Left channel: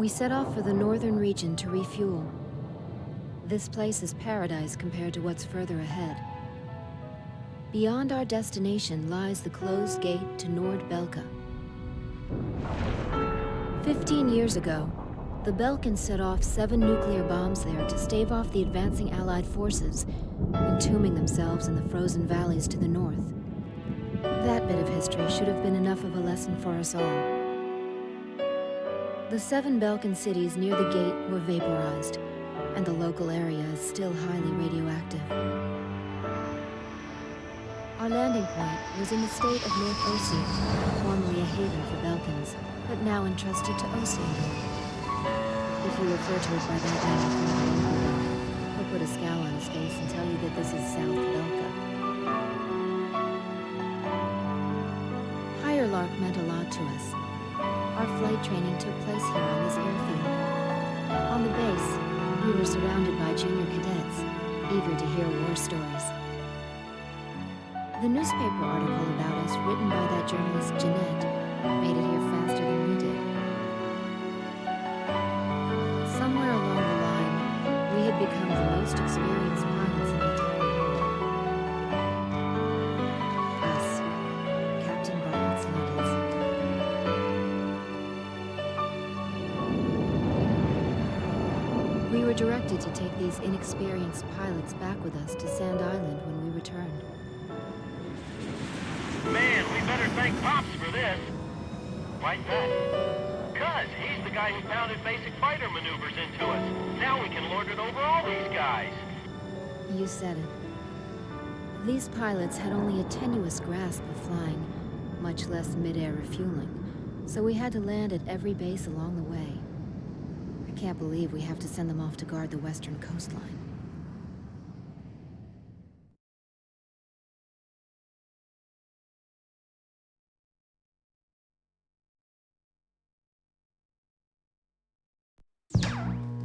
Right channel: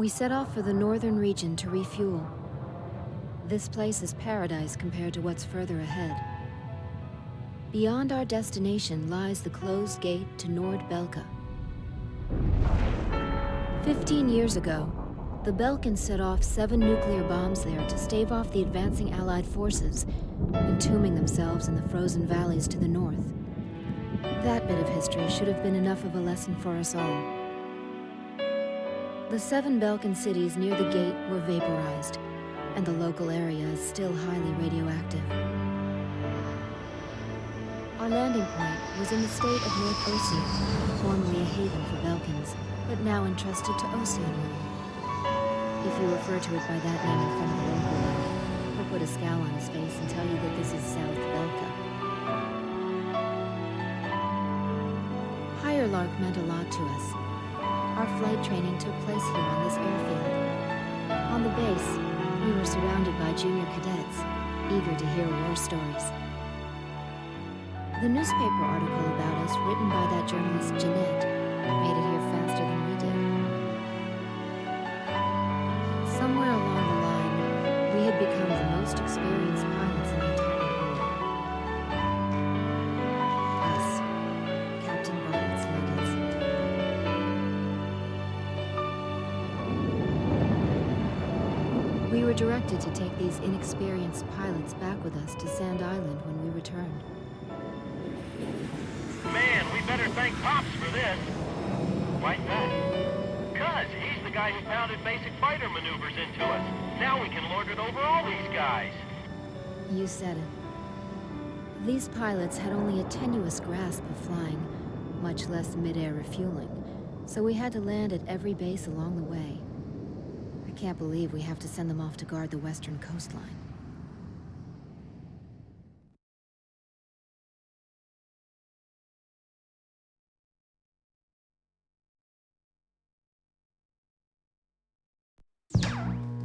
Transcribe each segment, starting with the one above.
We set off for the northern region to refuel. This place is paradise compared to what's further ahead. Beyond our destination lies the closed gate to Nord-Belka. 15 years ago, the Belkans set off 7 nuclear bombs there to stave off the advancing Allied forces, entombing themselves in the frozen valleys to the north. That bit of history should have been enough of a lesson for us all. The 7 Belkan cities near the gate were vaporized, and the local area is still highly radioactive. Our landing point was in the state of North Ossia, formerly a haven for Belkans, but now entrusted to Ossia. If we refer to it by that name from the local, he'll put a scowl on his face and tell you that this is South Belka. Higher Lark meant a lot to us. Our flight training took place here on this airfield. On the base, we were surrounded by junior cadets, eager to hear war stories. The newspaper article about us, written by that journalist Jeanette, made it here faster than we did. Somewhere along the line, we had become the most experienced pilots in the entire world. Us, Captain Bartlett's luggage. We were directed to take these inexperienced pilots back with us to Sand Island when we return. Man, we better thank Pops for this. Why that? Because he's the guy who pounded basic fighter maneuvers into us. Now we can lord it over all these guys. You said it. These pilots had only a tenuous grasp of flying, much less mid-air refueling, so we had to land at every base along the way. I can't believe we have to send them off to guard the western coastline.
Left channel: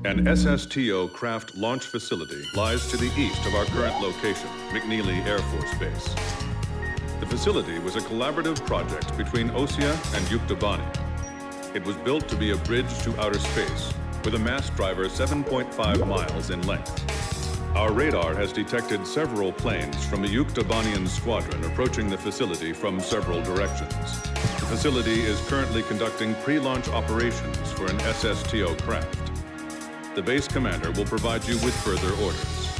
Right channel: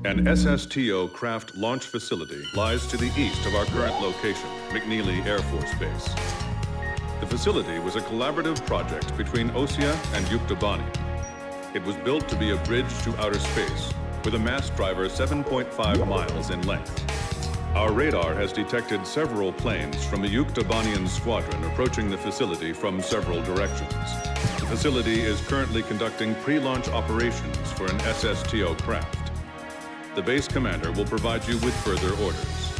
An SSTO craft launch facility lies to the east of our current location, McNeely Air Force Base. The facility was a collaborative project between Ossia and Yuktobania. It was built to be a bridge to outer space, with a mass driver 7.5 miles in length. Our radar has detected several planes from a Yuktobanian squadron approaching the facility from several directions. The facility is currently conducting pre-launch operations for an SSTO craft. The base commander will provide you with further orders.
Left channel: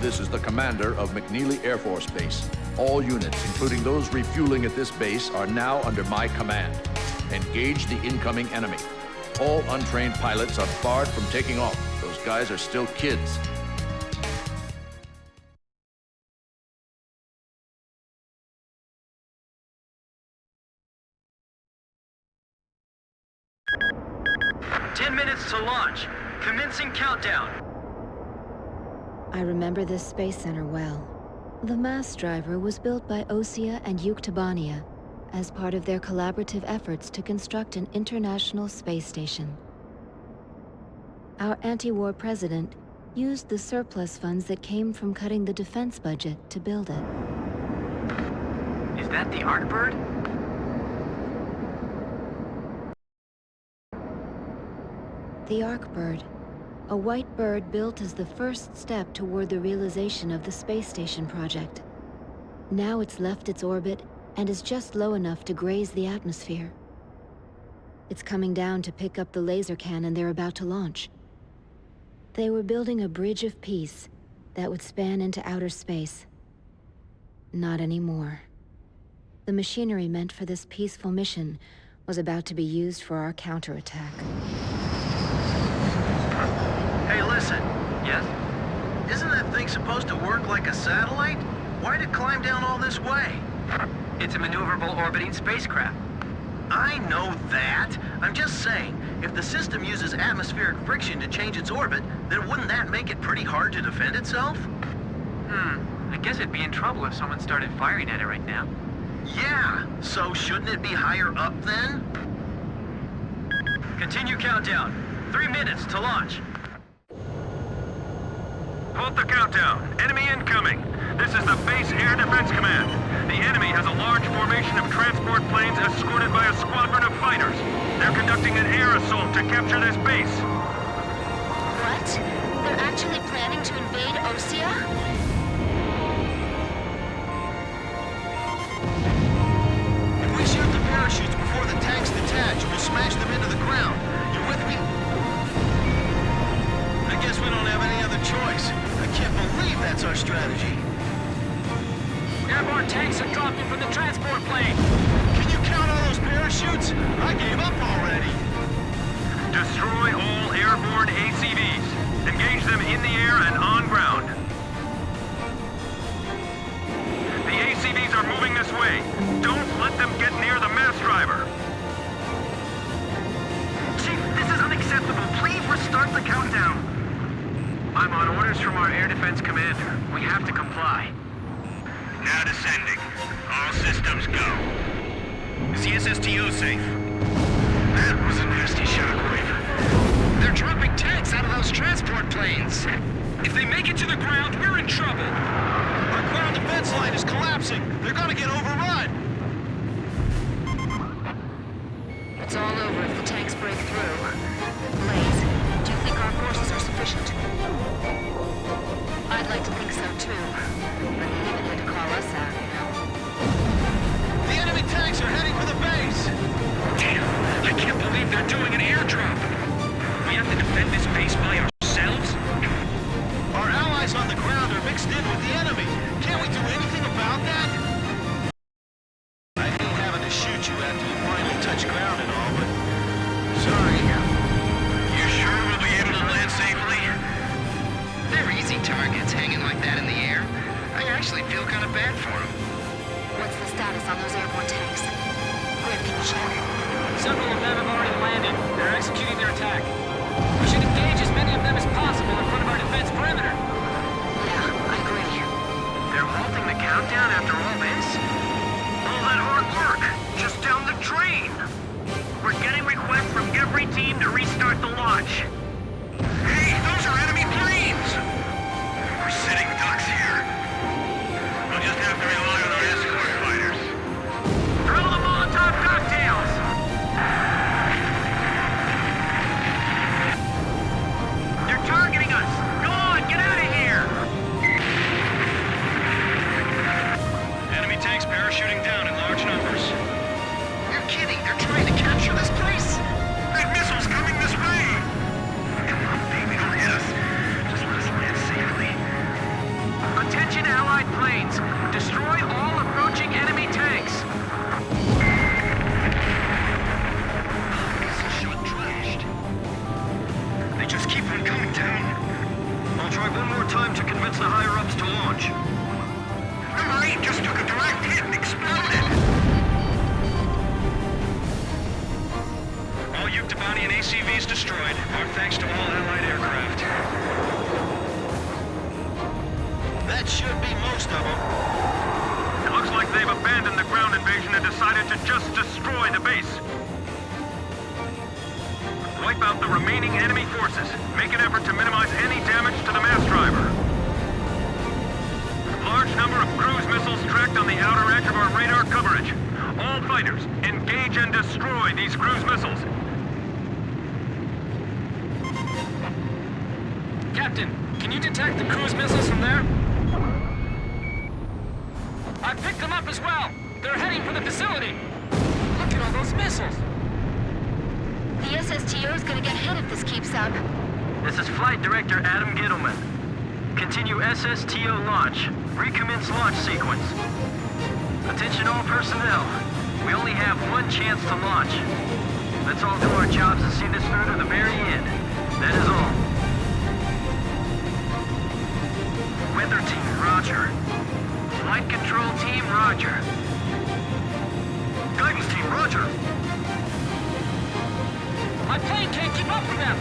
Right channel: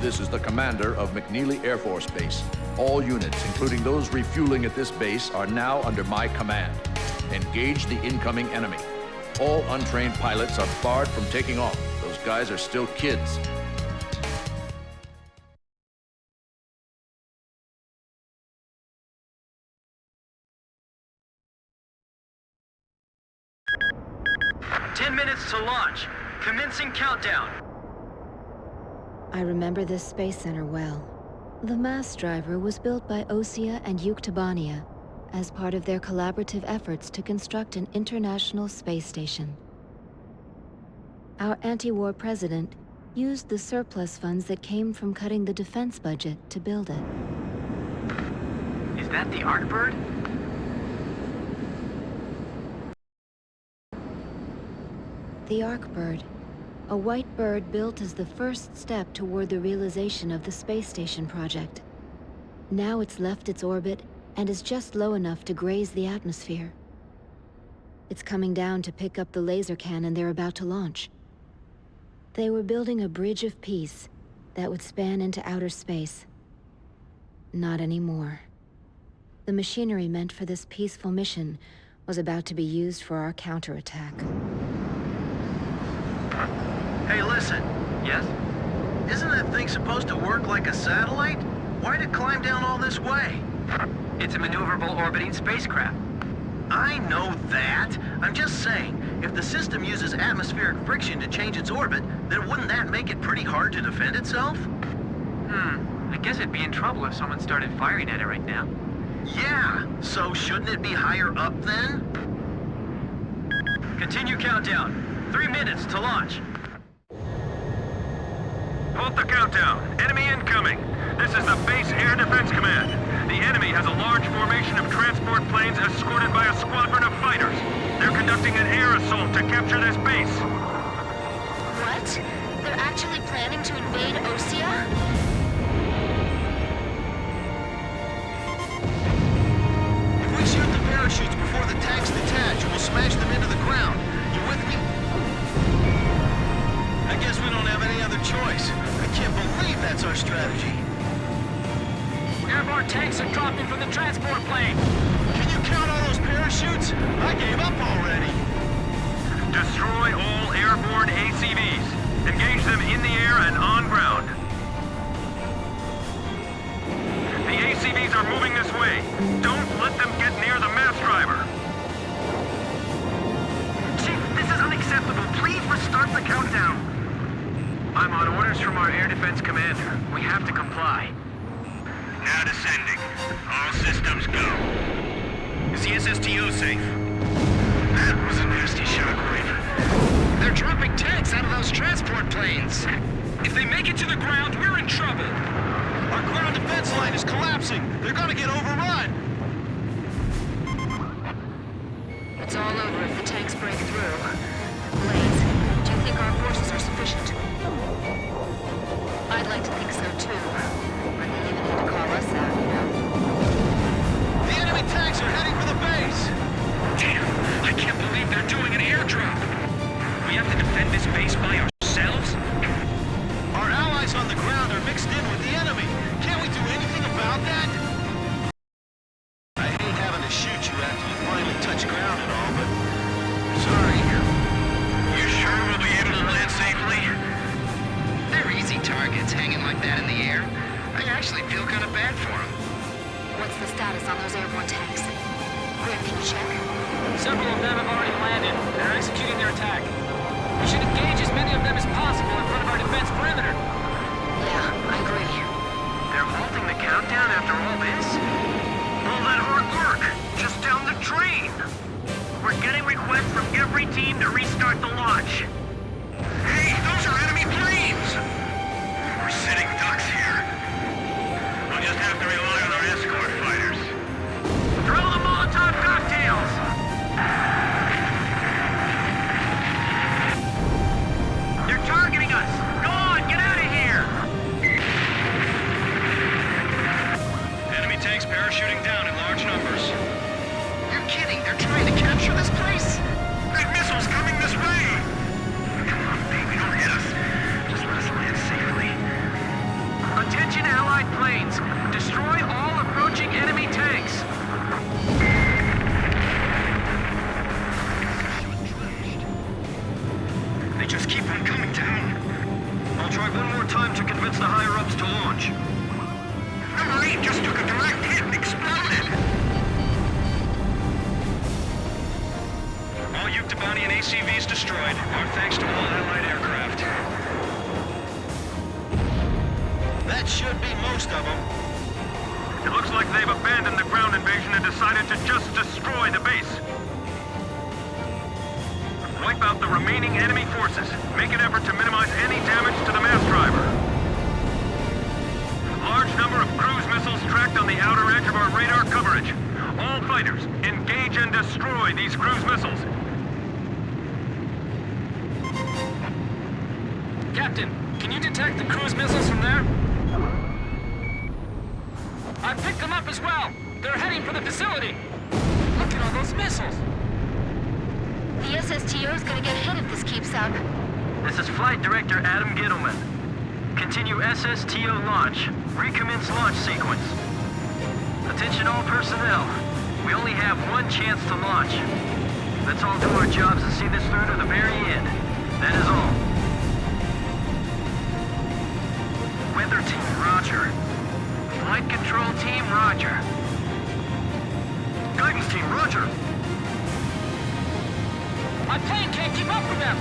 This is the commander of McNeely Air Force Base. All units, including those refueling at this base, are now under my command. Engage the incoming enemy. All untrained pilots are barred from taking off. Those guys are still kids. To launch. Commencing countdown. I remember this space center well. The mass driver was built by Ossia and Yuktobania as part of their collaborative efforts to construct an international space station. Our anti-war president used the surplus funds that came from cutting the defense budget to build it. Is that the Artbird? The Arcbird, a white bird built as the first step toward the realization of the space station project. Now it's left its orbit and is just low enough to graze the atmosphere. It's coming down to pick up the laser cannon they're about to launch. They were building a bridge of peace that would span into outer space. Not anymore. The machinery meant for this peaceful mission was about to be used for our counterattack. Hey, listen. Yes? Isn't that thing supposed to work like a satellite? Why'd it climb down all this way? It's a maneuverable orbiting spacecraft. I know that. I'm just saying, if the system uses atmospheric friction to change its orbit, then wouldn't that make it pretty hard to defend itself? I guess it'd be in trouble if someone started firing at it right now. Yeah, so shouldn't it be higher up then? Continue countdown. 3 minutes to launch. Halt the countdown. Enemy incoming. This is the Base Air Defense Command. The enemy has a large formation of transport planes escorted by a squadron of fighters. They're conducting an air assault to capture this base. What? They're actually planning to invade Osea? If we shoot the parachutes before the tanks detach, we'll smash them into the ground. You with me? I guess we don't have any other choice. I can't believe that's our strategy. Airborne tanks are dropping from the transport plane. Can you count all those parachutes? I gave up already. Destroy all airborne ACVs. Engage them in the air and on ground. The ACVs are moving this way. Don't let them get near the mass driver. Chief, this is unacceptable. Please restart the countdown. I'm on orders from our air defense commander. We have to comply. Now descending. All systems go. Is the SSTO safe? That was a nasty shockwave. They're dropping tanks out of those transport planes. If they make it to the ground, we're in trouble. Our ground defense line is collapsing. They're gonna get overrun. It's all over if the tanks break through. Blaze, do you think our forces are sufficient? I'd like to think so too. But they even had to call us out, you know? The enemy tanks are heading for the base. Damn, I can't believe they're doing an airdrop. We have to defend this base by ourselves? Our allies on the ground are mixed in with the enemy. Can't we do anything about that? I hate having to shoot you after you finally touch ground and all, but... sorry. You sure we'll be able to land safely? They're easy targets hanging like that in the air. I actually feel kind of bad for them. What's the status on those airborne tanks? Grim, can you check? Several of them have already landed. They're executing their attack. We should engage as many of them as possible in front of our defense perimeter. Yeah, I agree. They're halting the countdown after all this? All that hard work, just down the drain. We're getting requests from every team to restart the launch. Hey, those are enemy planes! We're sitting ducks here. We'll just have to rely on our escort fighters. Throw the Molotov cocktails! They're targeting us! Go on, get out of here! Enemy tanks parachuting down in large numbers. You're kidding. They're trying to capture this place? That missile's coming this way! Come on, baby, don't hit us. Just let us land safely. Attention Allied planes! Destroy all approaching enemy tanks! They just keep on coming down. I'll try one more time to convince the higher-ups to launch. Number 8 just took a direct hit and exploded! All Yuktobanian ACVs destroyed. Our thanks to all Allied aircraft. That should be most of them. It looks like they've abandoned the ground invasion and decided to just destroy the base. Wipe out the remaining enemy forces. Make an effort to minimize any damage to the mass driver. Large number of cruise missiles tracked on the outer edge of our radar coverage. All fighters, engage and destroy these cruise missiles. Captain, can you detect the cruise missiles from there? I picked them up as well. They're heading for the facility. Look at all those missiles. The SSTO is gonna get hit if this keeps up. This is Flight Director Adam Gittleman. Continue SSTO launch. Recommence launch sequence. Attention all personnel. We only have one chance to launch. Let's all do our jobs and see this through to the very end. That is all. Weather team, roger. Flight control team, roger. Guidance team, roger. My plane can't keep up with them.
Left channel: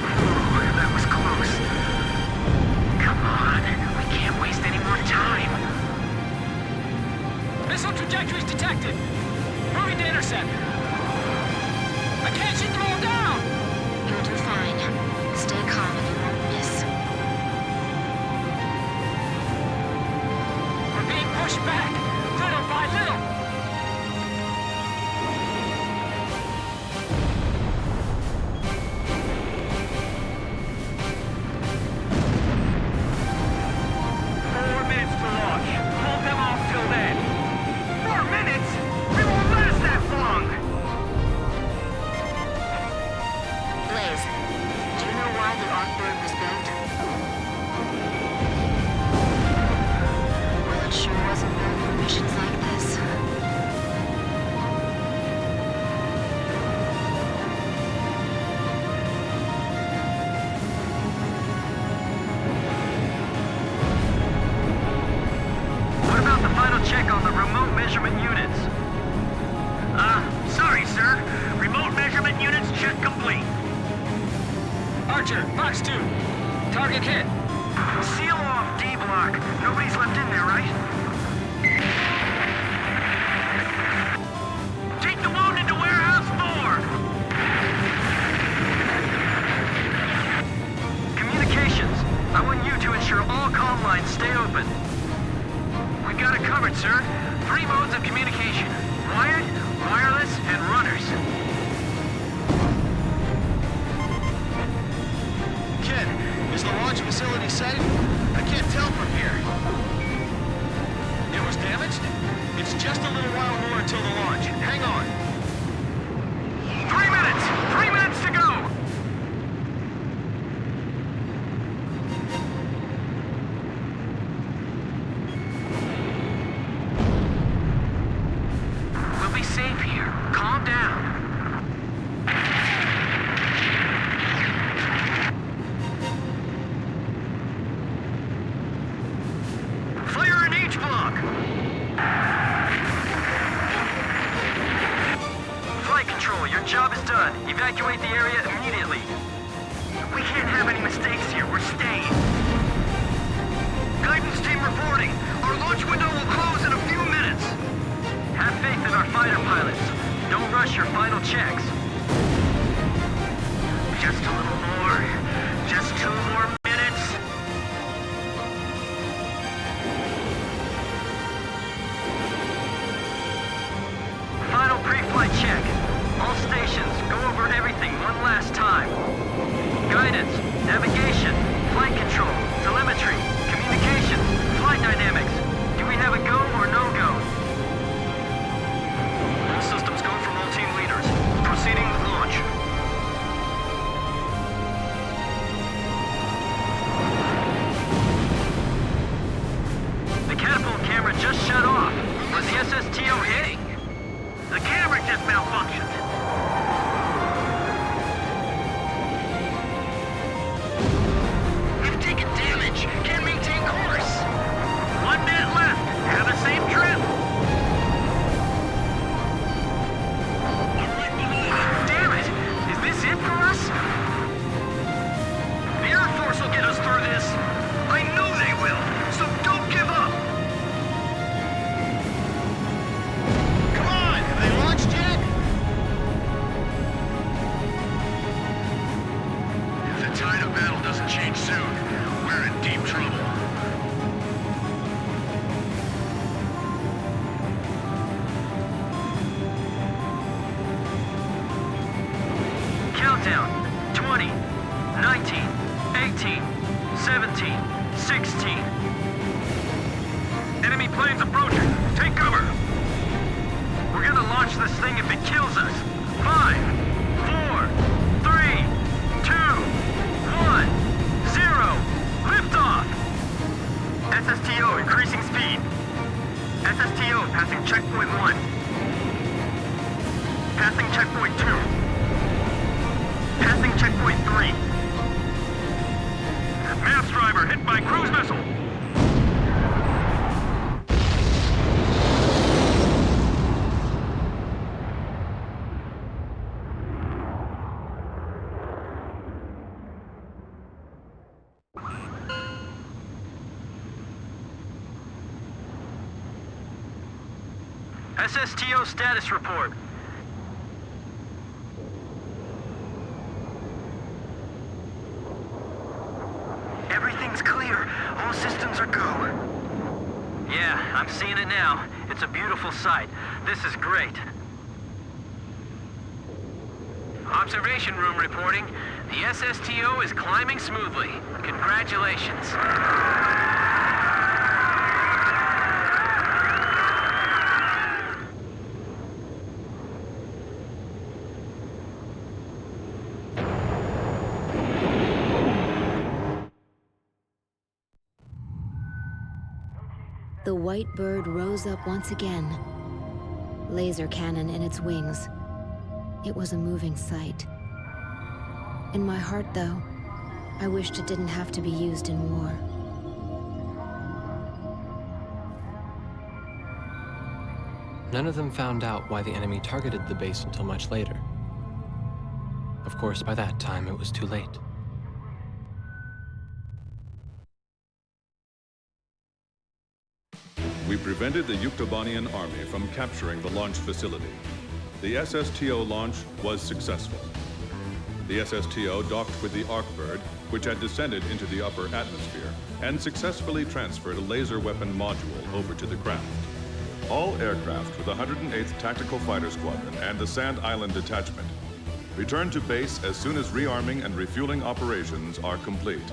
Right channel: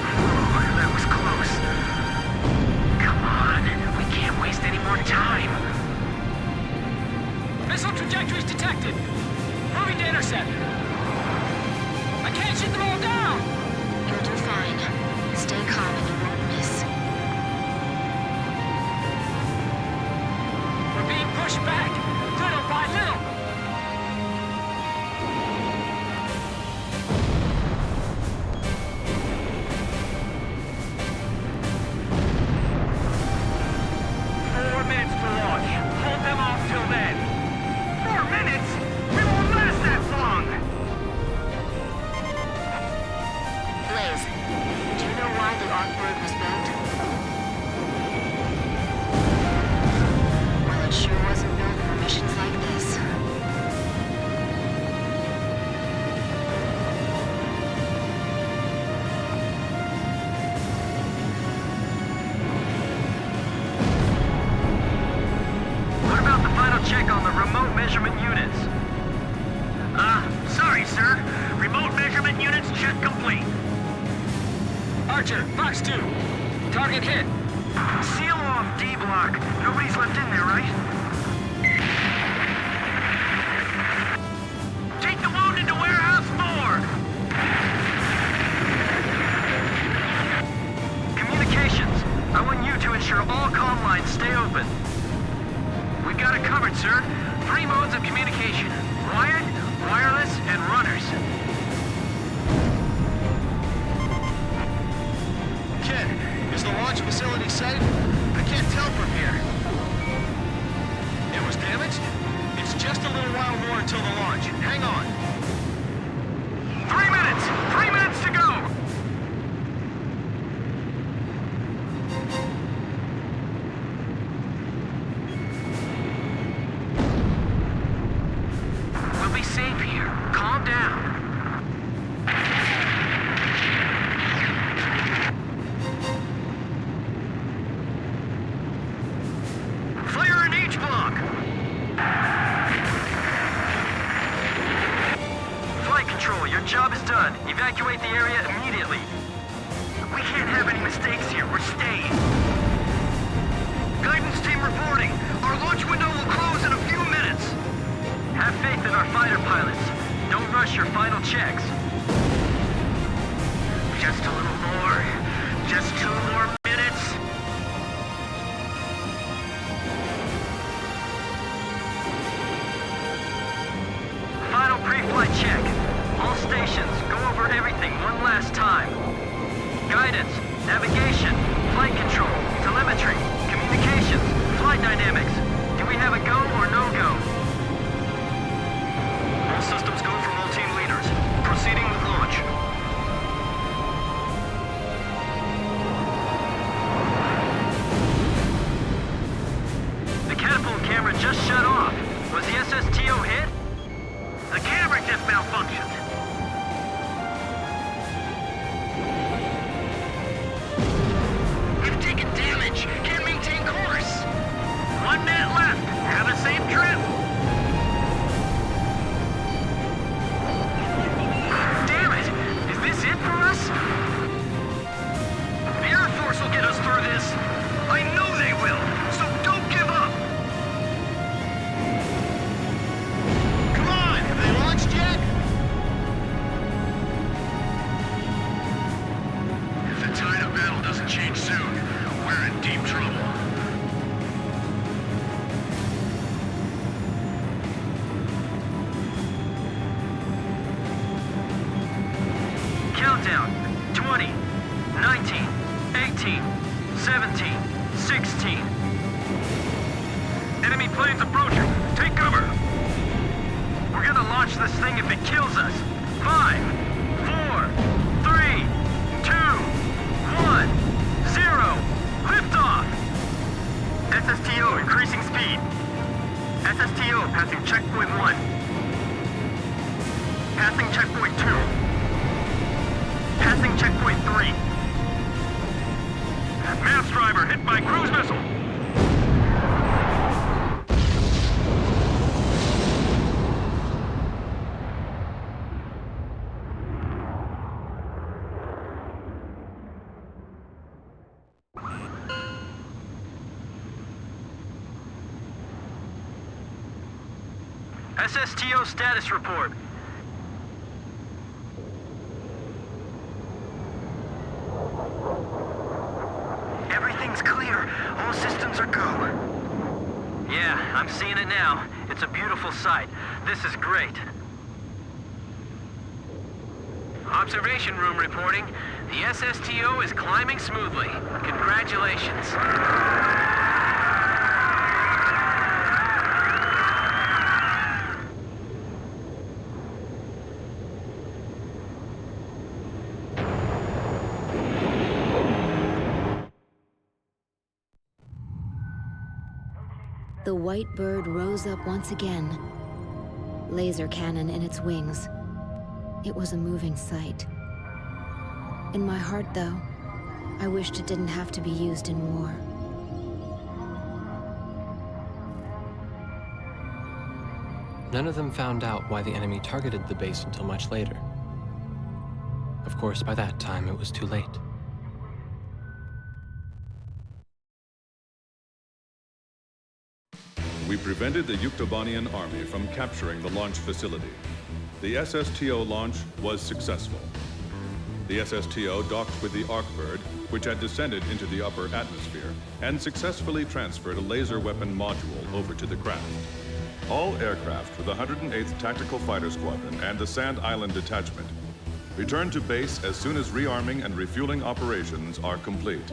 Oh, that was close. Come on, we can't waste any more time. Missile trajectories detected. Moving to intercept. I can't shoot them all down. You'll do fine. Stay calm and you won't miss. We're being pushed back, little by little. 4 minutes to launch. Hold them off till then. 4 minutes? We won't last that long! Blaze, do you know why the Arcbird was built? Well, it sure wasn't built for missions like this. What about the final check on the remote measurement units? Sorry, sir. Remote measurement units check complete. Archer, Fox 2. Target hit. Seal off D block. Nobody's left in there, right? Take the wounded to warehouse 4. Communications. I want you to ensure all comm lines stay open. We've got it covered, sir. 3 modes of communication. Wired, wireless, and runners. Kid, is the launch facility safe? I can't tell from here. It was damaged? It's just a little while more until the launch. Hang on. 3 minutes! 3 minutes to go! We'll be safe here. Calm down. Fire in H block! Flight control, your job is done. Evacuate the area immediately. We can't have any mistakes here. We're staying. Guidance team reporting. Our launch window will close in a few minutes. Have faith in our fighter pilots. Don't rush your final checks. Just a little more. Just 2 more minutes. Final pre-flight check. All stations, go over everything one last time. Guidance, navigation, flight control, telemetry, communications, flight dynamics. Do we have a go or no go? All systems go from all team leaders. Proceeding with launch. The catapult camera just shut off. Was the SSTO hit? The camera just malfunctioned. We've taken damage. Can't maintain course. 1 minute left. Have a safe trip. Damn it! Is this it for us? The Air Force will get us through this. I know they will, so don't give up. Come on, have they launched yet? If the tide of battle doesn't change soon, we're in deep trouble. Countdown. 20, 19, 18, 17, 16. Enemy planes approaching. Take cover. We're gonna launch this thing if it kills us. 5, 4, 3, 2, 1, 0. Liftoff. SSTO increasing speed. SSTO passing checkpoint 1. Passing checkpoint 2. Passing checkpoint 3. Mass driver hit by cruise missile. SSTO status report. All systems are go. Yeah, I'm seeing it now. It's a beautiful sight. This is great. Observation room reporting. The SSTO is climbing smoothly. Congratulations. The white bird rose up once again, laser cannon in its wings. It was a moving sight. In my heart, though, I wished it didn't have to be used in war. None of them found out why the enemy targeted the base until much later. Of course, by that time, it was too late. We prevented the Yuktobanian army from capturing the launch facility. The SSTO launch was successful. The SSTO docked with the Arkbird, which had descended into the upper atmosphere, and successfully transferred a laser weapon module over to the craft. All aircraft with the 108th Tactical Fighter Squadron and the Sand Island Detachment return to base as soon as rearming and refueling operations are complete.